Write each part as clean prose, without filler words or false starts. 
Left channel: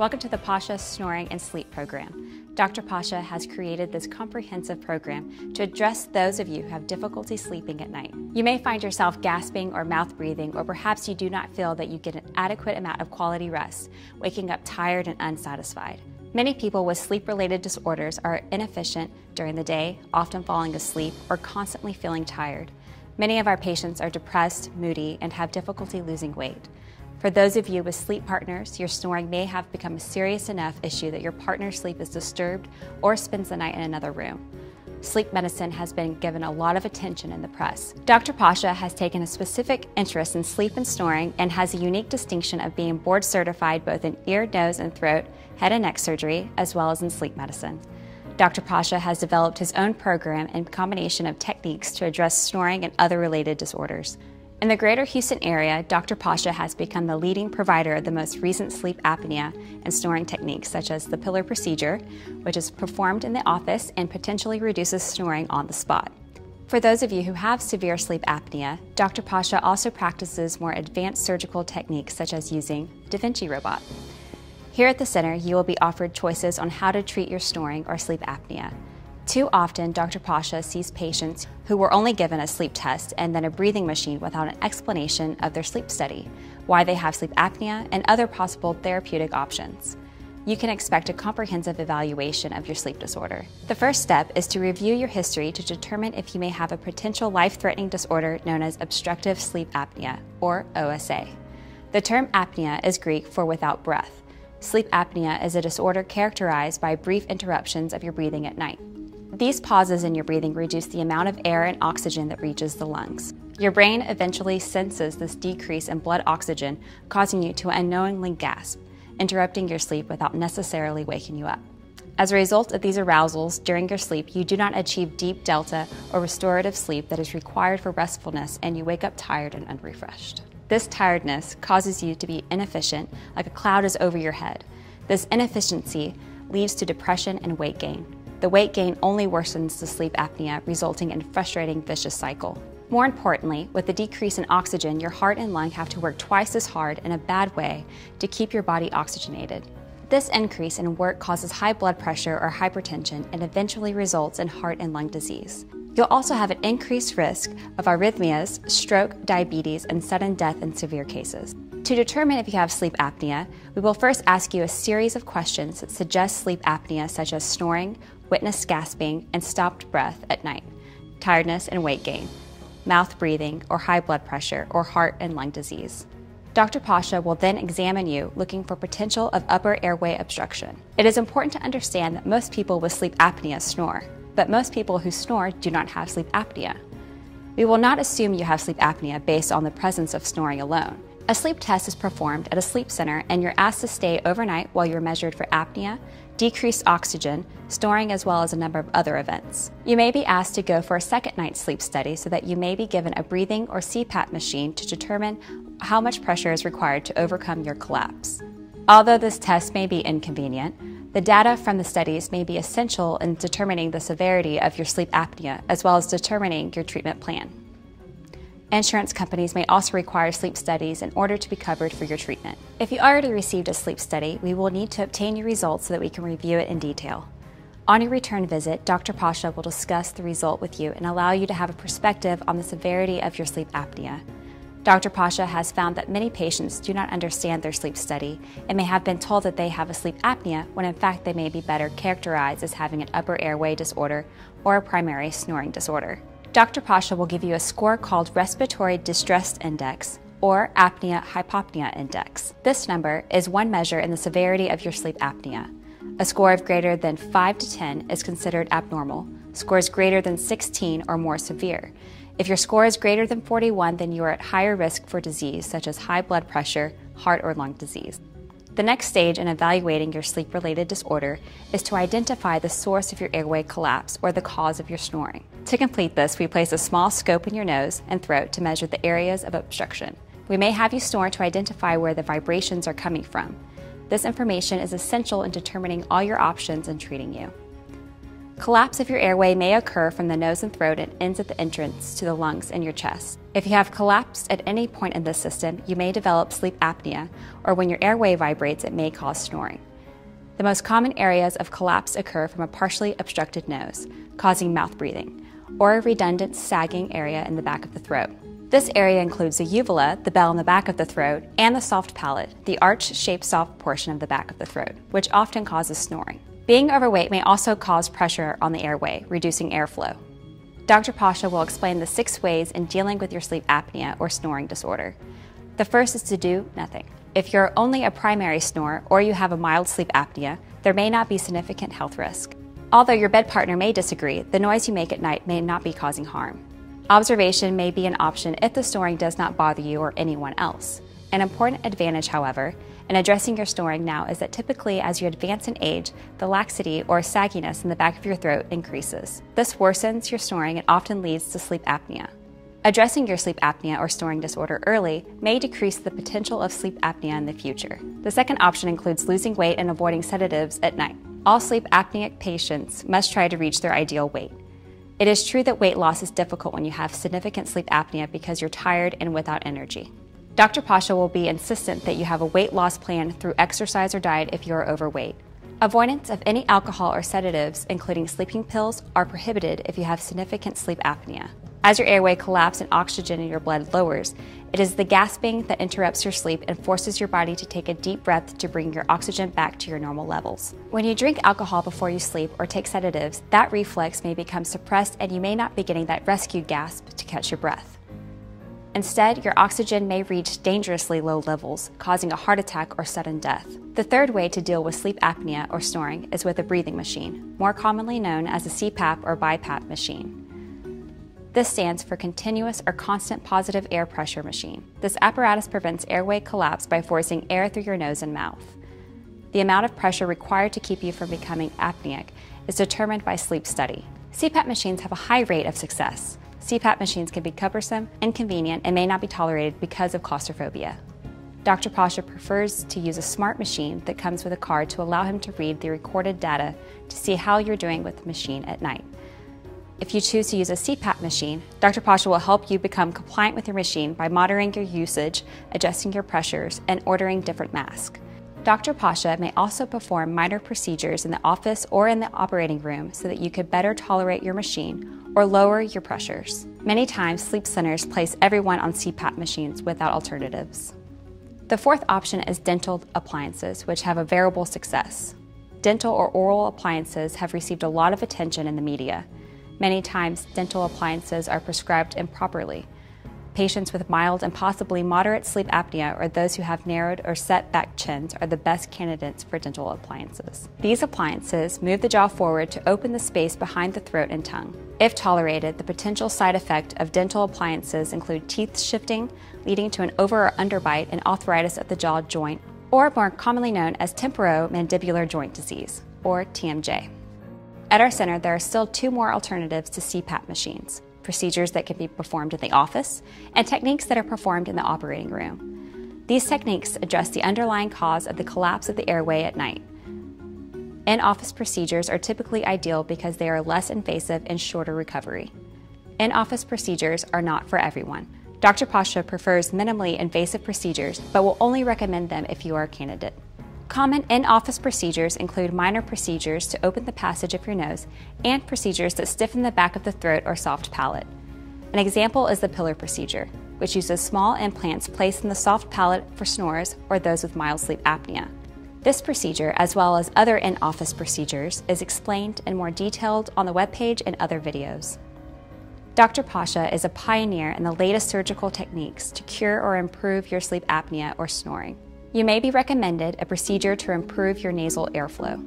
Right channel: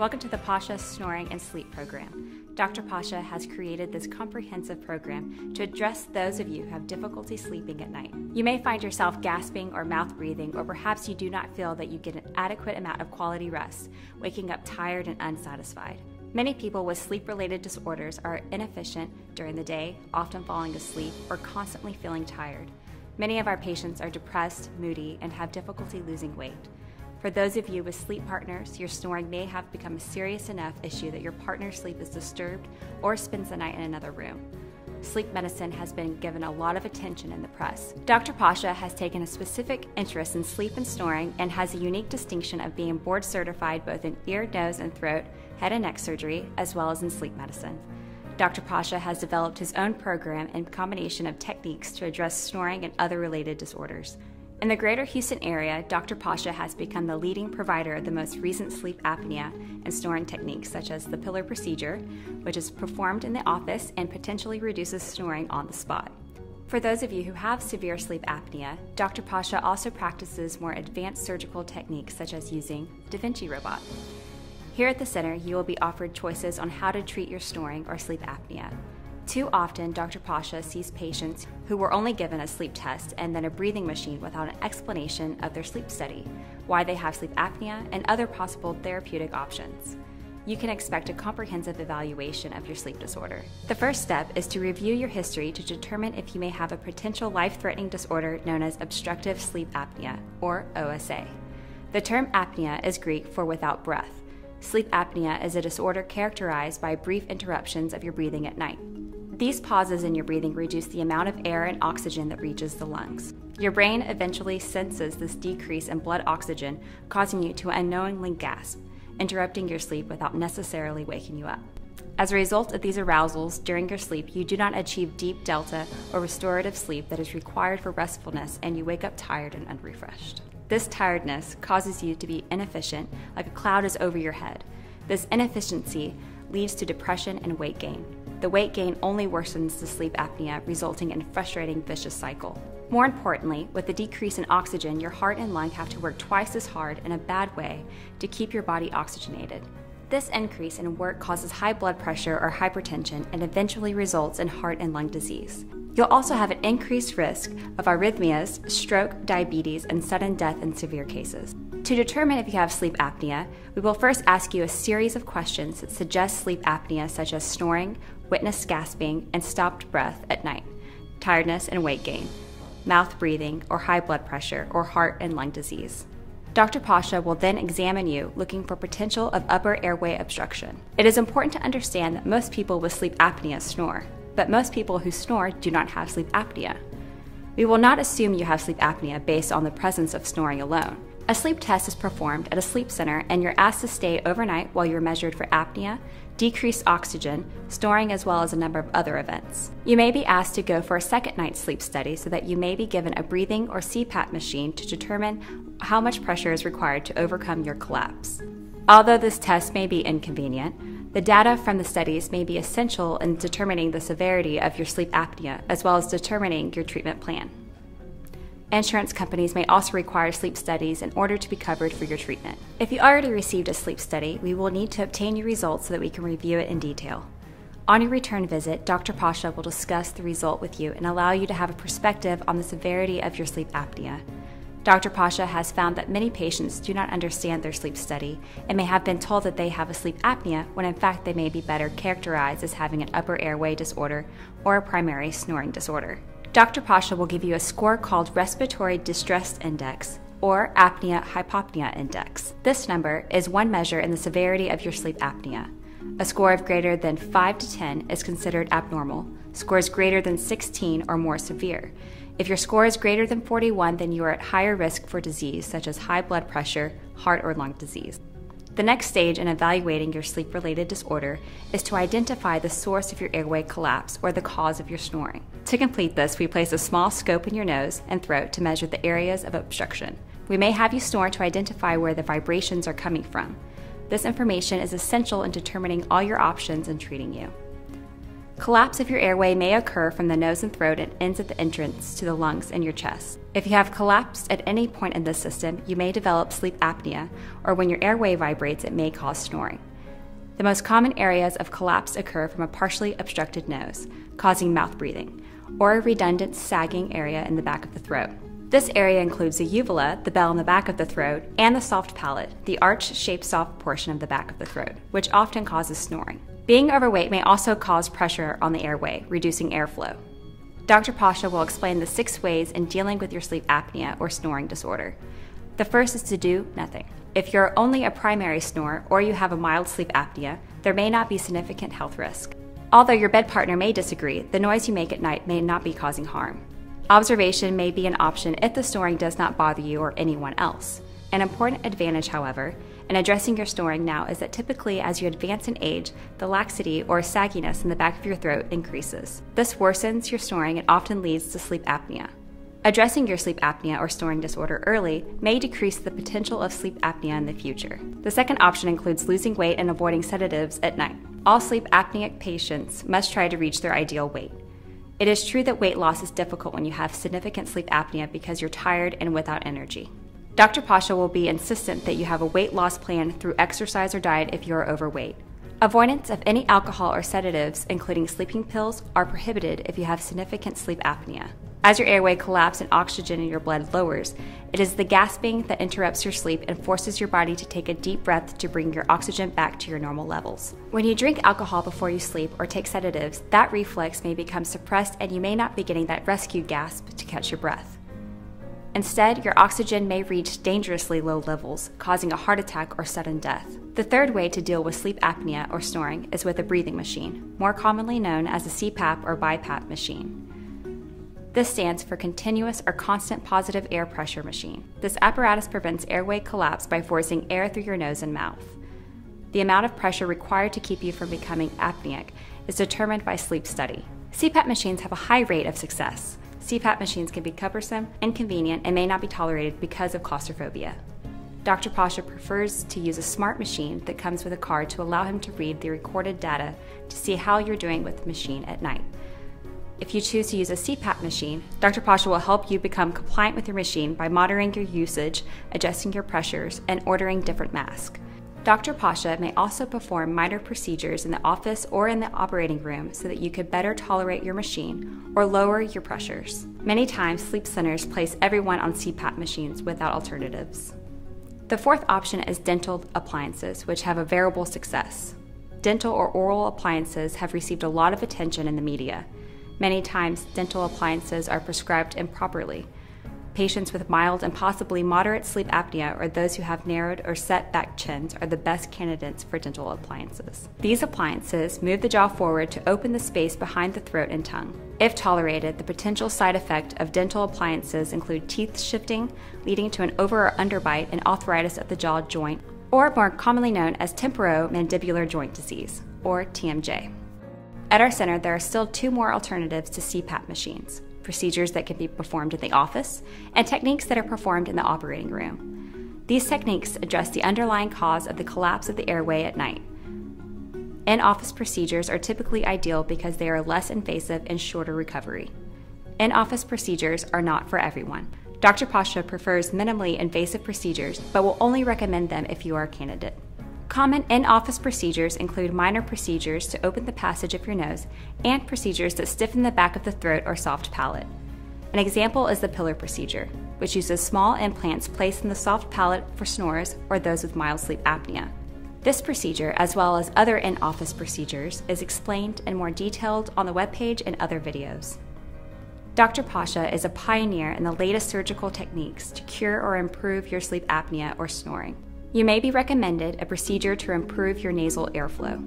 Welcome to the Pasha Snoring and Sleep Program. Dr. Pasha has created this comprehensive program to address those of you who have difficulty sleeping at night. You may find yourself gasping or mouth breathing, or perhaps you do not feel that you get an adequate amount of quality rest, waking up tired and unsatisfied. Many people with sleep-related disorders are inefficient during the day, often falling asleep or constantly feeling tired. Many of our patients are depressed, moody, and have difficulty losing weight. For those of you with sleep partners, your snoring may have become a serious enough issue that your partner's sleep is disturbed or spends the night in another room. Sleep medicine has been given a lot of attention in the press. Dr. Pasha has taken a specific interest in sleep and snoring and has a unique distinction of being board certified both in ear, nose, and throat, head and neck surgery, as well as in sleep medicine. Dr. Pasha has developed his own program and combination of techniques to address snoring and other related disorders. In the greater Houston area, Dr. Pasha has become the leading provider of the most recent sleep apnea and snoring techniques, such as the pillar procedure, which is performed in the office and potentially reduces snoring on the spot. For those of you who have severe sleep apnea, Dr. Pasha also practices more advanced surgical techniques, such as using Da Vinci robot. Here at the center, you will be offered choices on how to treat your snoring or sleep apnea. Too often, Dr. Pasha sees patients who were only given a sleep test and then a breathing machine without an explanation of their sleep study, why they have sleep apnea, and other possible therapeutic options. You can expect a comprehensive evaluation of your sleep disorder. The first step is to review your history to determine if you may have a potential life-threatening disorder known as obstructive sleep apnea, or OSA. The term apnea is Greek for without breath. Sleep apnea is a disorder characterized by brief interruptions of your breathing at night. These pauses in your breathing reduce the amount of air and oxygen that reaches the lungs. Your brain eventually senses this decrease in blood oxygen, causing you to unknowingly gasp, interrupting your sleep without necessarily waking you up. As a result of these arousals during your sleep, you do not achieve deep delta or restorative sleep that is required for restfulness, and you wake up tired and unrefreshed. This tiredness causes you to be inefficient, like a cloud is over your head. This inefficiency leads to depression and weight gain. The weight gain only worsens the sleep apnea, resulting in a frustrating vicious cycle. More importantly, with the decrease in oxygen, your heart and lung have to work twice as hard in a bad way to keep your body oxygenated. This increase in work causes high blood pressure or hypertension and eventually results in heart and lung disease. You'll also have an increased risk of arrhythmias, stroke, diabetes, and sudden death in severe cases. To determine if you have sleep apnea, we will first ask you a series of questions that suggest sleep apnea, such as snoring, witnessed gasping, and stopped breath at night, tiredness and weight gain, mouth breathing, or high blood pressure, or heart and lung disease. Dr. Pasha will then examine you, looking for potential of upper airway obstruction. It is important to understand that most people with sleep apnea snore, but most people who snore do not have sleep apnea. We will not assume you have sleep apnea based on the presence of snoring alone. A sleep test is performed at a sleep center, and you're asked to stay overnight while you're measured for apnea, decreased oxygen, snoring, as well as a number of other events. You may be asked to go for a second night's sleep study so that you may be given a breathing or CPAP machine to determine how much pressure is required to overcome your collapse. Although this test may be inconvenient, the data from the studies may be essential in determining the severity of your sleep apnea, as well as determining your treatment plan. Insurance companies may also require sleep studies in order to be covered for your treatment. If you already received a sleep study, we will need to obtain your results so that we can review it in detail. On your return visit, Dr. Pasha will discuss the result with you and allow you to have a perspective on the severity of your sleep apnea. Dr. Pasha has found that many patients do not understand their sleep study and may have been told that they have a sleep apnea when in fact they may be better characterized as having an upper airway disorder or a primary snoring disorder. Dr. Pasha will give you a score called Respiratory Distress Index, or Apnea-Hypopnea Index. This number is one measure in the severity of your sleep apnea. A score of greater than 5 to 10 is considered abnormal. Scores greater than 16 are more severe. If your score is greater than 41, then you are at higher risk for disease such as high blood pressure, heart or lung disease. The next stage in evaluating your sleep-related disorder is to identify the source of your airway collapse or the cause of your snoring. To complete this, we place a small scope in your nose and throat to measure the areas of obstruction. We may have you snore to identify where the vibrations are coming from. This information is essential in determining all your options in treating you. Collapse of your airway may occur from the nose and throat and ends at the entrance to the lungs and your chest. If you have collapsed at any point in this system, you may develop sleep apnea, or when your airway vibrates, it may cause snoring. The most common areas of collapse occur from a partially obstructed nose, causing mouth breathing, or a redundant sagging area in the back of the throat. This area includes the uvula, the bell in the back of the throat, and the soft palate, the arch-shaped soft portion of the back of the throat, which often causes snoring. Being overweight may also cause pressure on the airway, reducing airflow. Dr. Pasha will explain the 6 ways in dealing with your sleep apnea or snoring disorder. The first is to do nothing. If you're only a primary snorer or you have a mild sleep apnea, there may not be significant health risk. Although your bed partner may disagree, the noise you make at night may not be causing harm. Observation may be an option if the snoring does not bother you or anyone else. An important advantage, however, in addressing your snoring now is that typically as you advance in age, the laxity or sagginess in the back of your throat increases. This worsens your snoring and often leads to sleep apnea. Addressing your sleep apnea or snoring disorder early may decrease the potential of sleep apnea in the future. The second option includes losing weight and avoiding sedatives at night. All sleep apneic patients must try to reach their ideal weight. It is true that weight loss is difficult when you have significant sleep apnea because you're tired and without energy. Dr. Pasha will be insistent that you have a weight loss plan through exercise or diet if you are overweight. Avoidance of any alcohol or sedatives, including sleeping pills, are prohibited if you have significant sleep apnea. As your airway collapses and oxygen in your blood lowers, it is the gasping that interrupts your sleep and forces your body to take a deep breath to bring your oxygen back to your normal levels. When you drink alcohol before you sleep or take sedatives, that reflex may become suppressed and you may not be getting that rescue gasp to catch your breath. Instead, your oxygen may reach dangerously low levels, causing a heart attack or sudden death. The third way to deal with sleep apnea or snoring is with a breathing machine, more commonly known as a CPAP or BiPAP machine. This stands for Continuous or Constant Positive Air Pressure Machine. This apparatus prevents airway collapse by forcing air through your nose and mouth. The amount of pressure required to keep you from becoming apneic is determined by sleep study. CPAP machines have a high rate of success. CPAP machines can be cumbersome, inconvenient, and may not be tolerated because of claustrophobia. Dr. Pasha prefers to use a smart machine that comes with a card to allow him to read the recorded data to see how you're doing with the machine at night. If you choose to use a CPAP machine, Dr. Pasha will help you become compliant with your machine by monitoring your usage, adjusting your pressures, and ordering different masks. Dr. Pasha may also perform minor procedures in the office or in the operating room so that you could better tolerate your machine or lower your pressures. Many times, sleep centers place everyone on CPAP machines without alternatives. The fourth option is dental appliances, which have a variable success. Dental or oral appliances have received a lot of attention in the media. Many times, dental appliances are prescribed improperly. Patients with mild and possibly moderate sleep apnea or those who have narrowed or set back chins are the best candidates for dental appliances. These appliances move the jaw forward to open the space behind the throat and tongue. If tolerated, the potential side effect of dental appliances include teeth shifting, leading to an over or underbite and arthritis of the jaw joint, or more commonly known as temporomandibular joint disease, or TMJ. At our center, there are still 2 more alternatives to CPAP machines: procedures that can be performed in the office and techniques that are performed in the operating room. These techniques address the underlying cause of the collapse of the airway at night. In-office procedures are typically ideal because they are less invasive and shorter recovery. In-office procedures are not for everyone. Dr. Pasha prefers minimally invasive procedures, but will only recommend them if you are a candidate. Common in-office procedures include minor procedures to open the passage of your nose and procedures that stiffen the back of the throat or soft palate. An example is the pillar procedure, which uses small implants placed in the soft palate for snorers or those with mild sleep apnea. This procedure, as well as other in-office procedures, is explained in more detail on the webpage and other videos. Dr. Pasha is a pioneer in the latest surgical techniques to cure or improve your sleep apnea or snoring. You may be recommended a procedure to improve your nasal airflow.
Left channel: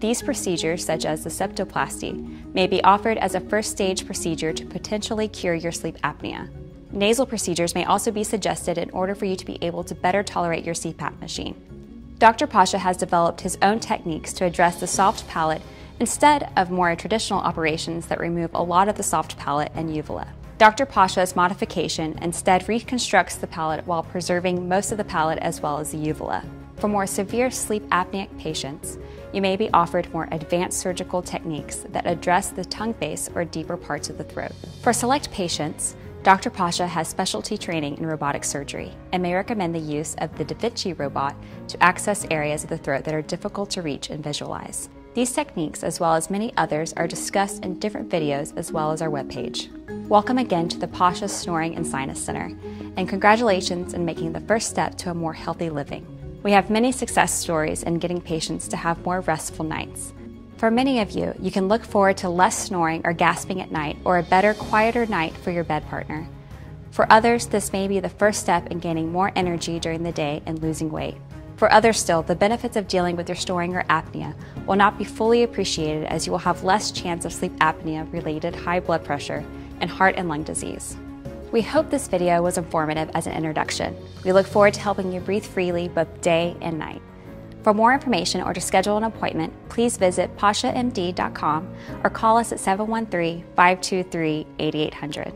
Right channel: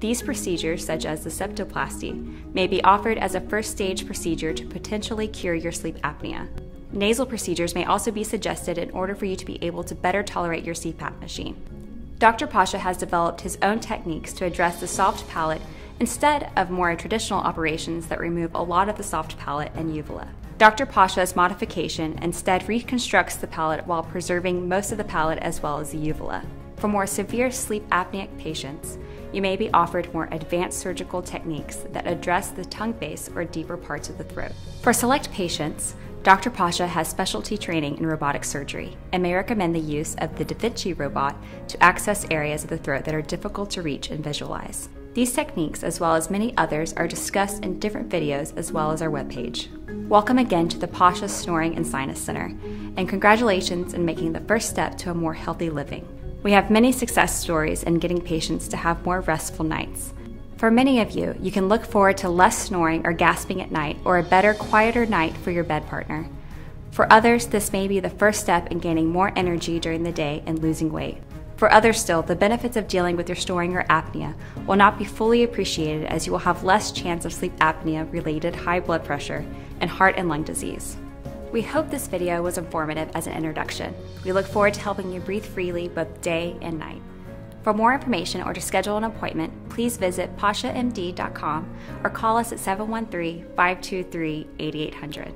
These procedures, such as the septoplasty, may be offered as a first-stage procedure to potentially cure your sleep apnea. Nasal procedures may also be suggested in order for you to be able to better tolerate your CPAP machine. Dr. Pasha has developed his own techniques to address the soft palate instead of more traditional operations that remove a lot of the soft palate and uvula. Dr. Pasha's modification instead reconstructs the palate while preserving most of the palate as well as the uvula. For more severe sleep apneic patients, you may be offered more advanced surgical techniques that address the tongue base or deeper parts of the throat. For select patients, Dr. Pasha has specialty training in robotic surgery and may recommend the use of the Da Vinci robot to access areas of the throat that are difficult to reach and visualize. These techniques, as well as many others, are discussed in different videos as well as our webpage. Welcome again to the Pasha Snoring and Sinus Center, and congratulations in making the first step to a more healthy living. We have many success stories in getting patients to have more restful nights. For many of you, you can look forward to less snoring or gasping at night, or a better, quieter night for your bed partner. For others, this may be the first step in gaining more energy during the day and losing weight. For others still, the benefits of dealing with your snoring or apnea will not be fully appreciated, as you will have less chance of sleep apnea-related high blood pressure and heart and lung disease. We hope this video was informative as an introduction. We look forward to helping you breathe freely both day and night. For more information or to schedule an appointment, please visit pashamd.com or call us at 713-523-8800.